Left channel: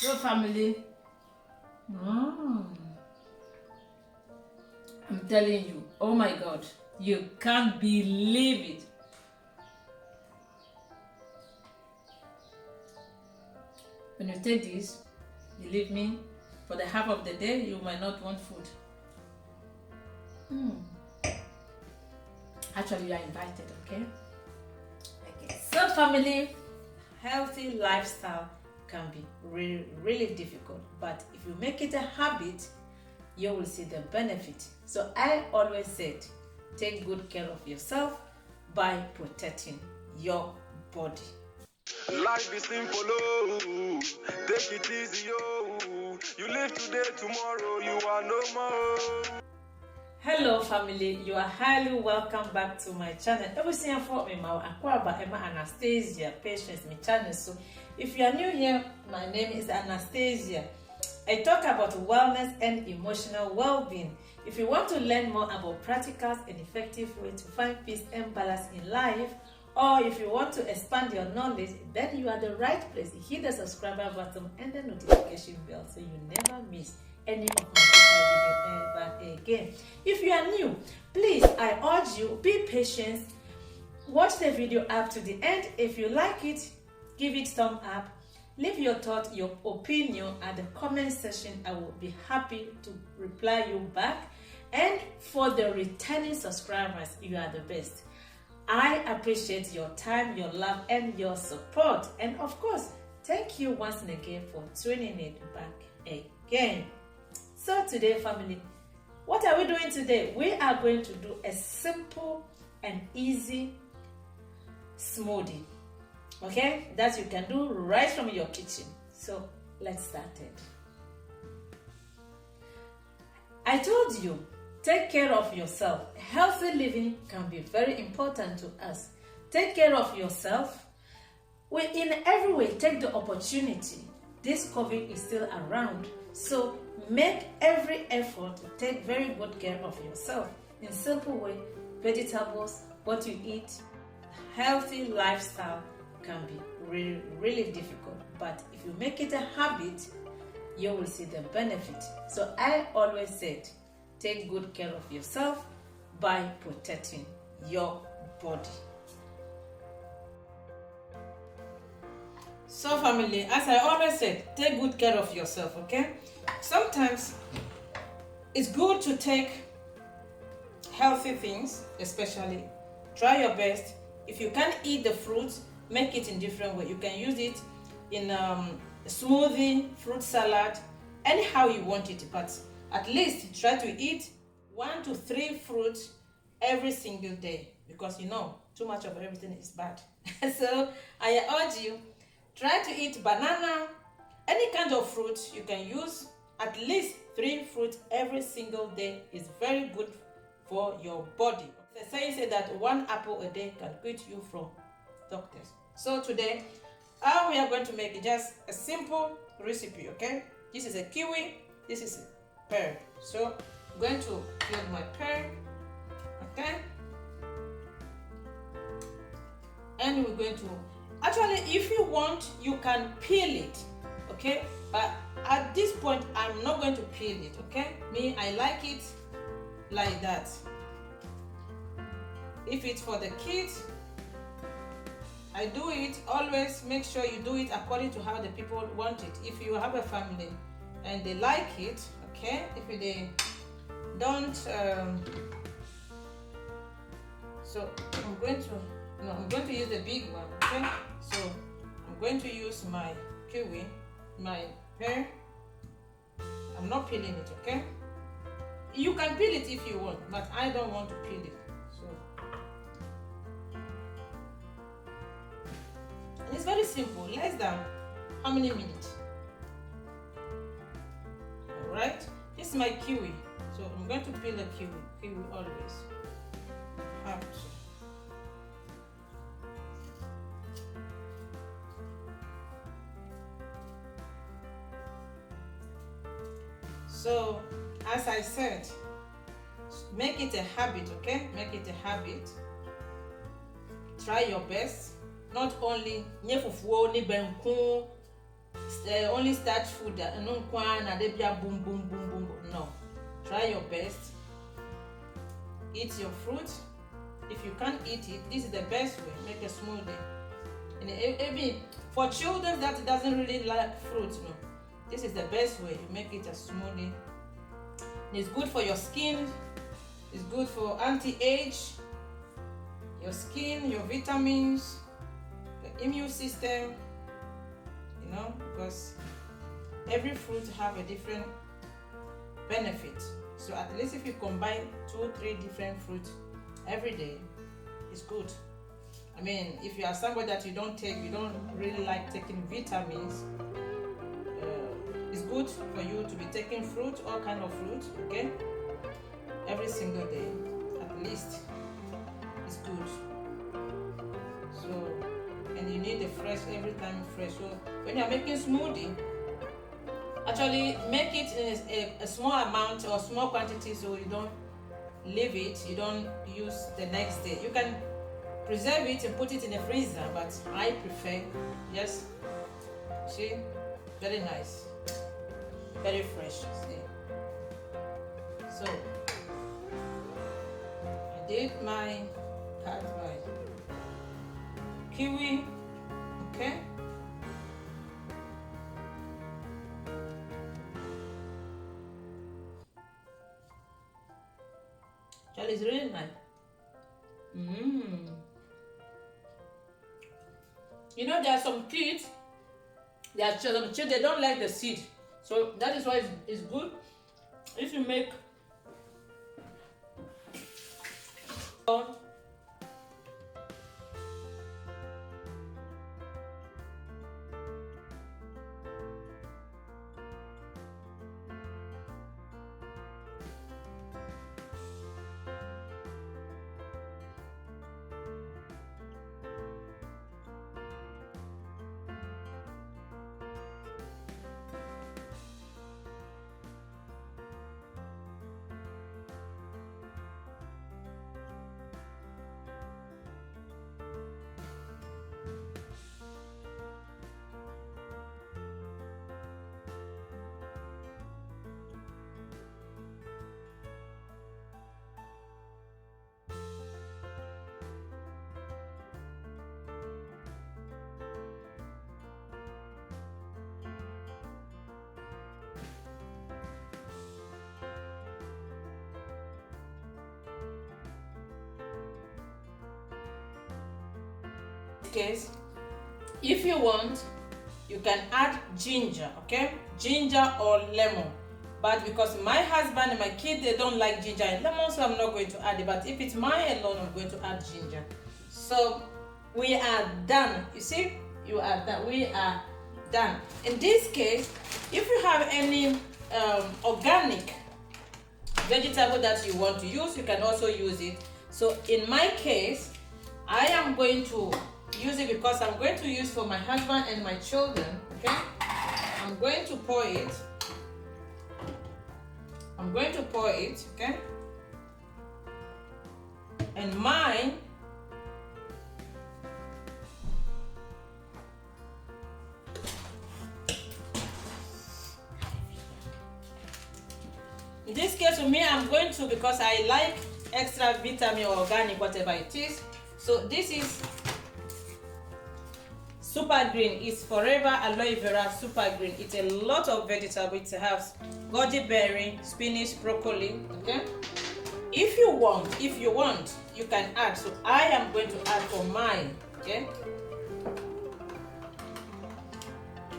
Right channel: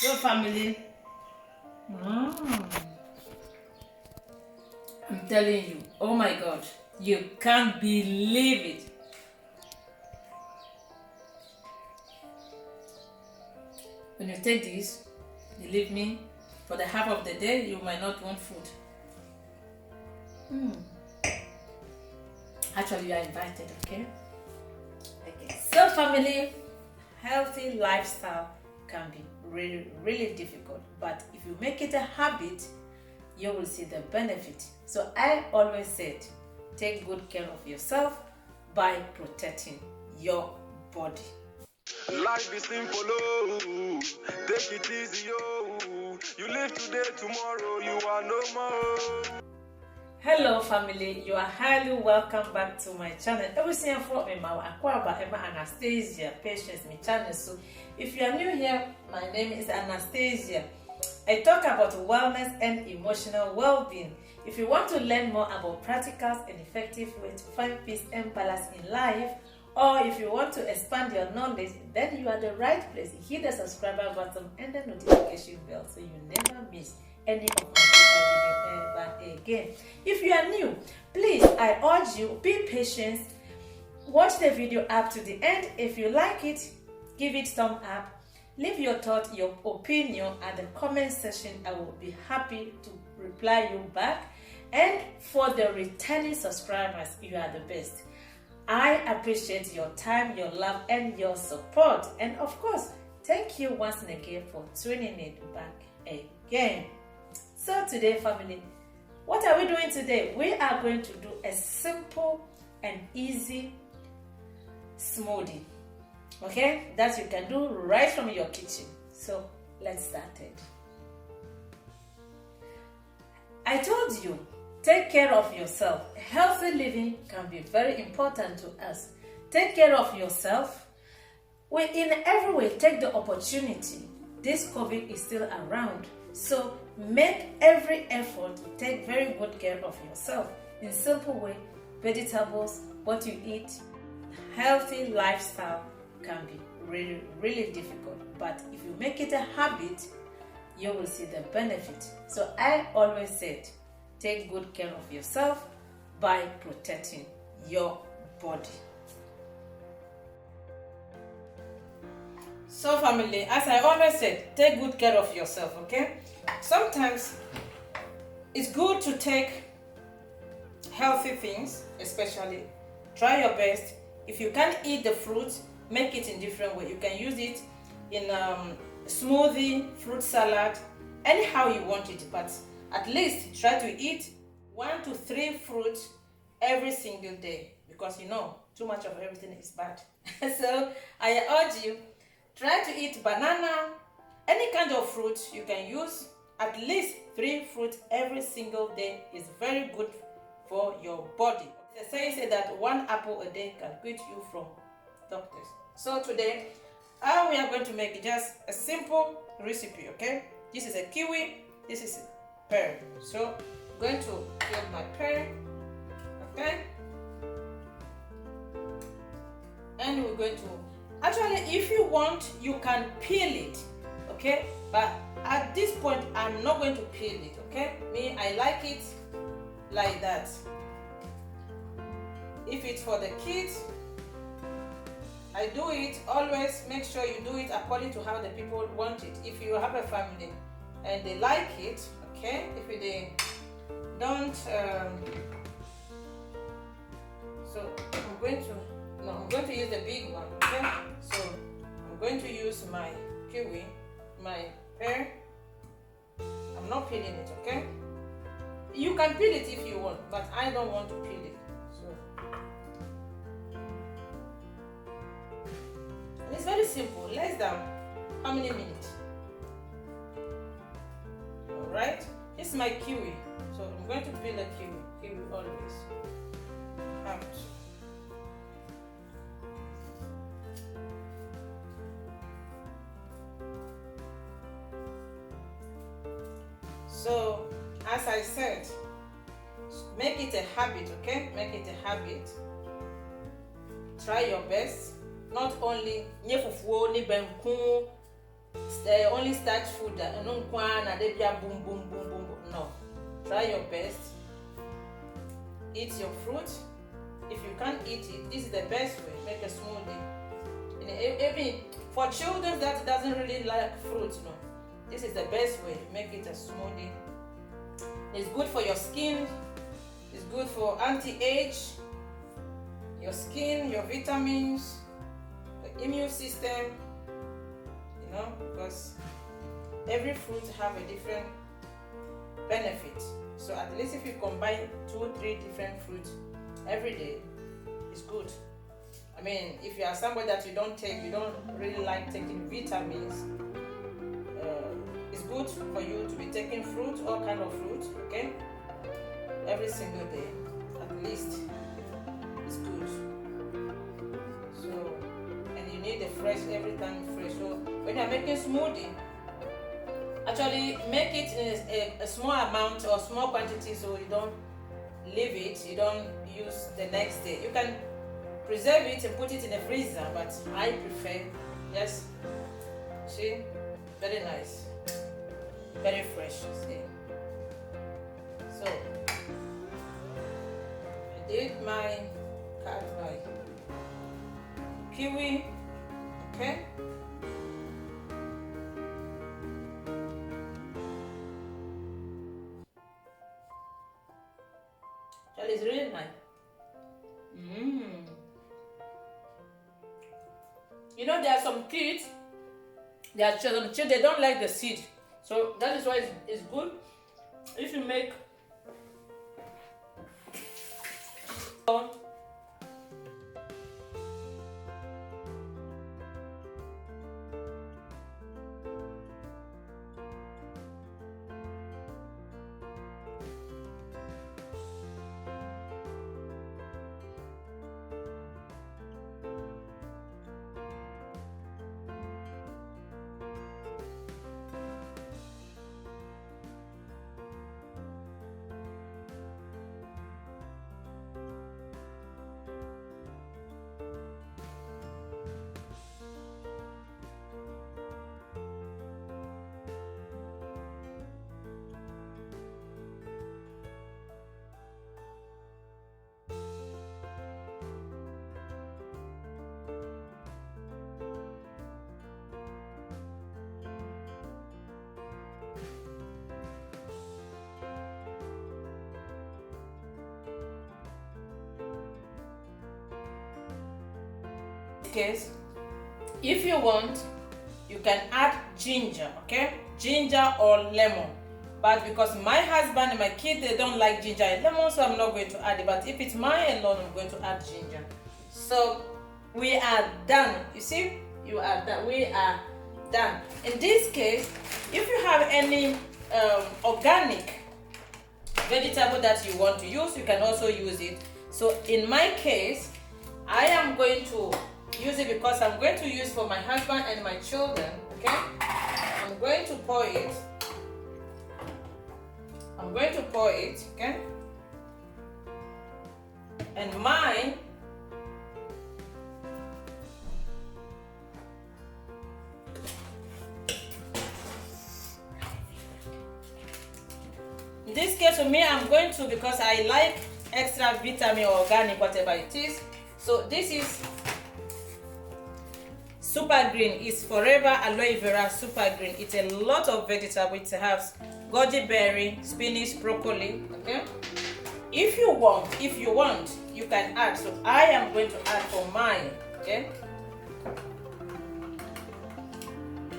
So family, I'm telling you, oh my God, you can't believe it. When you take this, believe me, for the half of the day, you might not want food. Actually, you are invited, okay? Okay. So family, healthy lifestyle can be really, really difficult, but if you make it a habit, you will see the benefit. So I always said, take good care of yourself by protecting your body. Life is simple, oh. Take it easy, oh. You live today, tomorrow you are no more. Hello family, you are highly welcome back to my channel. Everything for me, my ANASTASIA, patience, my channel. So if you are new here, my name is ANASTASIA. I talk about wellness and emotional well-being. If you want to learn more about practical and effective ways to find peace and balance in life, or if you want to expand your knowledge, then you are the right place. Hit the subscriber button and the notification bell so you never miss any of my video ever again. If you are new, please, I urge you, be patient. Watch the video up to the end. If you like it, give it thumb up. Leave your thought, your opinion at the comment section. I will be happy to reply you back. And for the returning subscribers, you are the best. I appreciate your time, your love, and your support. And of course, thank you once again for tuning it back again. So today, family, what are we doing today? We are going to do a simple and easy smoothie, okay, that you can do right from your kitchen. So let's start it. I told you, take care of yourself. Healthy living can be very important to us. Take care of yourself. In every way, take the opportunity. This COVID is still around. So make every effort to take very good care of yourself. In simple way, vegetables, what you eat, healthy lifestyle can be really, really difficult. But if you make it a habit, you will see the benefit. So I always said, take good care of yourself by protecting your body. So family, as I always said, take good care of yourself, okay? Sometimes it's good to take healthy things, especially try your best. If you can't eat the fruits, make it in different way. You can use it in smoothie, fruit salad, anyhow you want it, but at least try to eat 1 to 3 fruits every single day, because you know too much of everything is bad. So I urge you, try to eat banana, any kind of fruit. You can use at least 3 fruits every single day. Is very good for your body. The saying said that 1 apple a day can quit you from doctors. So today we are going to make just a simple recipe, okay? This is a kiwi, this is a pear. So I'm going to peel my pear, okay? And we're going to, actually if you want, you can peel it, okay? But at this point, I'm not going to peel it, okay? Me, I like it like that. If it's for the kids, I do it, always make sure you do it according to how the people want it. If you have a family and they like it, okay? If they don't, so I'm going to use the big one, okay? So I'm going to use my kiwi, my pear. I'm not peeling it, okay? You can peel it if you want, but I don't want to peel it. So it's very simple, less than how many minutes? Alright, this is my kiwi. So I'm going to peel a kiwi always. Have to. So as I said, make it a habit, okay? Make it a habit. Try your best. Not only only starch food. No, boom, boom, boom, boom. No. Try your best. Eat your fruit. If you can't eat it, this is the best way. Make a smoothie. And even for children that doesn't really like fruit, no, this is the best way. Make it a smoothie. It's good for your skin. It's good for anti-age, your skin, your vitamins, the immune system. You know, because every fruit have a different benefit. So at least if you combine 2-3 different fruits every day, it's good. I mean, if you are somebody that you don't really like taking vitamins, it's good for you to be taking fruit, all kind of fruit, okay? Every single day, at least, it's good. So, and you need a fresh every time fresh. So when you are making smoothie, actually make it in a small amount or small quantity, so you don't leave it, you don't use the next day. You can preserve it and put it in the freezer, but I prefer, yes, see, very nice, very fresh. See? So I did my carb by Kiwi, okay. It's really nice. You know, there are some kids, there are children, they don't like the seed. So that is why it's good if you make case, if you want, you can add ginger, okay, ginger or lemon, but because my husband and my kid, they don't like ginger and lemon, so I'm not going to add it. But if it's mine alone, I'm going to add ginger. So we are done. You see, you are done. We are done. In this case, if you have any organic vegetable that you want to use, you can also use it. So in my case, I am going to use it because I'm going to use for my husband and my children, okay? I'm going to pour it. I'm going to pour it, okay? And mine, in this case for me, I'm going to, because I like extra vitamin or organic, whatever it is. So this is supergreen. It's forever aloe vera supergreen. It's a lot of vegetable. It has goji berry, spinach, broccoli, okay? If you want, you can add. So I am going to add for mine, okay?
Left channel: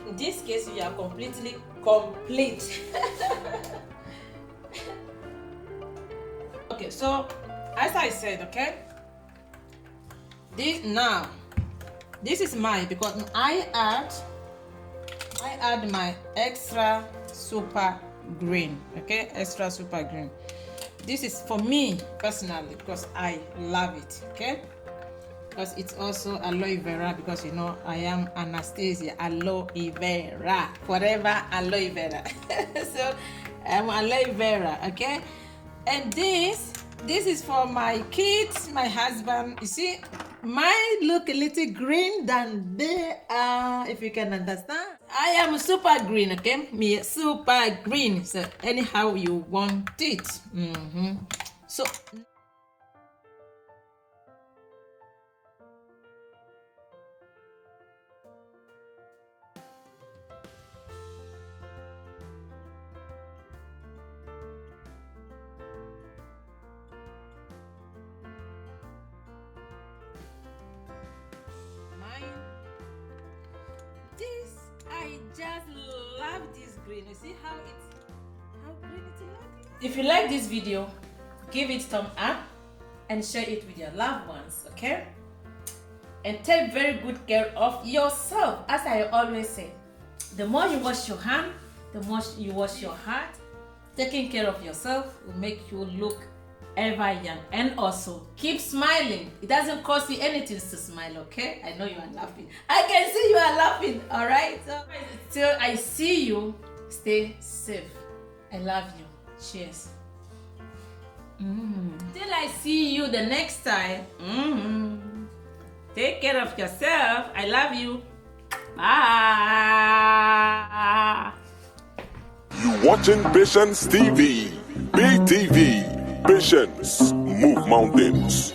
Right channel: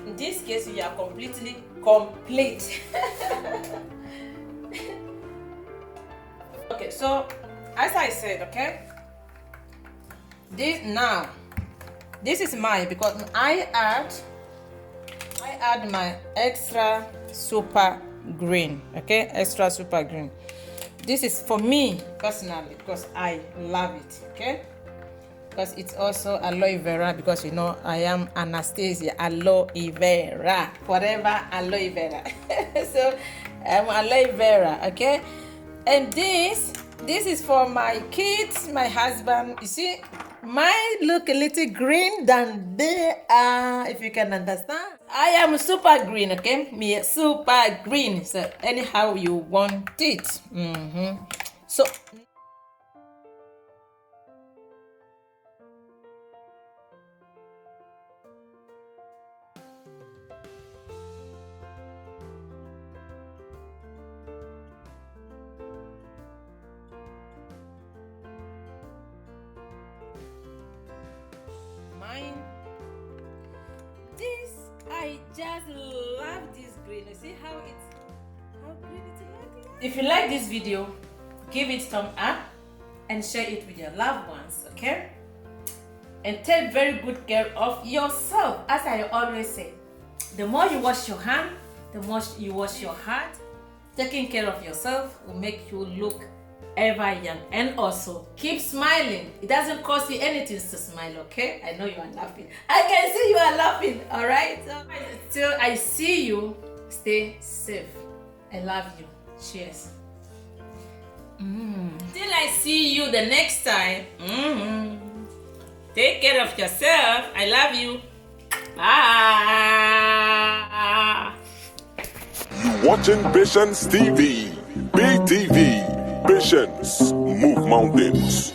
In this case, you are completely complete. Okay, so as I said, okay, this is mine because I add my extra super green, okay, extra super green. This is for me personally because I love it, okay, because it's also aloe vera, because you know I am ANASTASIA, aloe vera, forever aloe vera. So I'm aloe vera, okay. And this is for my kids, my husband. You see, Mine look a little green than they are, if you can understand. I am super green, okay? Me super green. So anyhow you want it. So mine. This I just love this green. You see how green it looks like? If you like this video, give it thumb up and share it with your loved ones, okay? And take very good care of yourself. As I always say, the more you wash your hand, the more you wash your heart. Taking care of yourself will make you look ever young. And also keep smiling. It doesn't cost you anything to smile, okay? I know you are laughing. I can see you are laughing, all right? So till I see you, stay safe. I love you. Cheers. Till I see you the next time. Take care of yourself. I love you. Bye. You watching Patience TV, BTV. Patience, move mountains.